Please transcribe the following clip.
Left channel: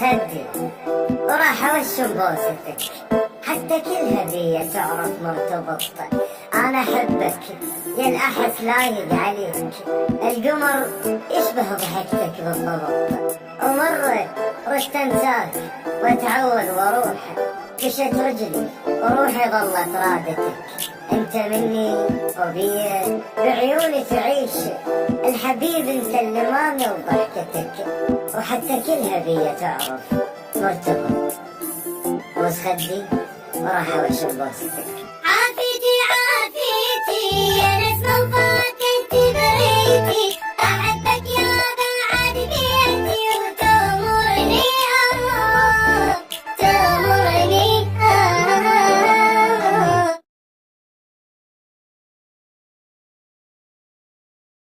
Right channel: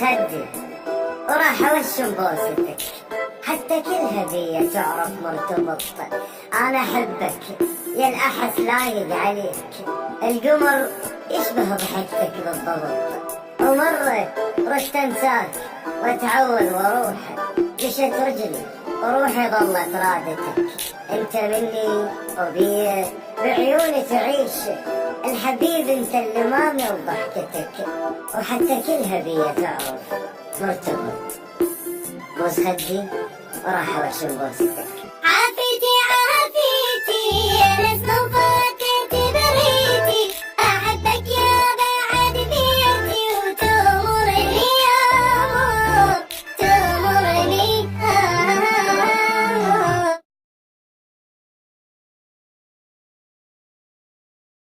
خدي وراح اوشم بوستك، حتى كل هدية تعرف مرتبط. انا احبك يا الاحس لايق عليك، القمر يشبه ضحكتك بالضبط. ومرة رشت انساك واتعود واروح، مشت رجلي وروحي ظلت رادتك. انت مني وبيه بعيوني تعيش، الحبيب انت اللي مامي وضحكتك، وحتى كل هدية تعرف مرتبط. بوس خدي وراح اوشم بوستك.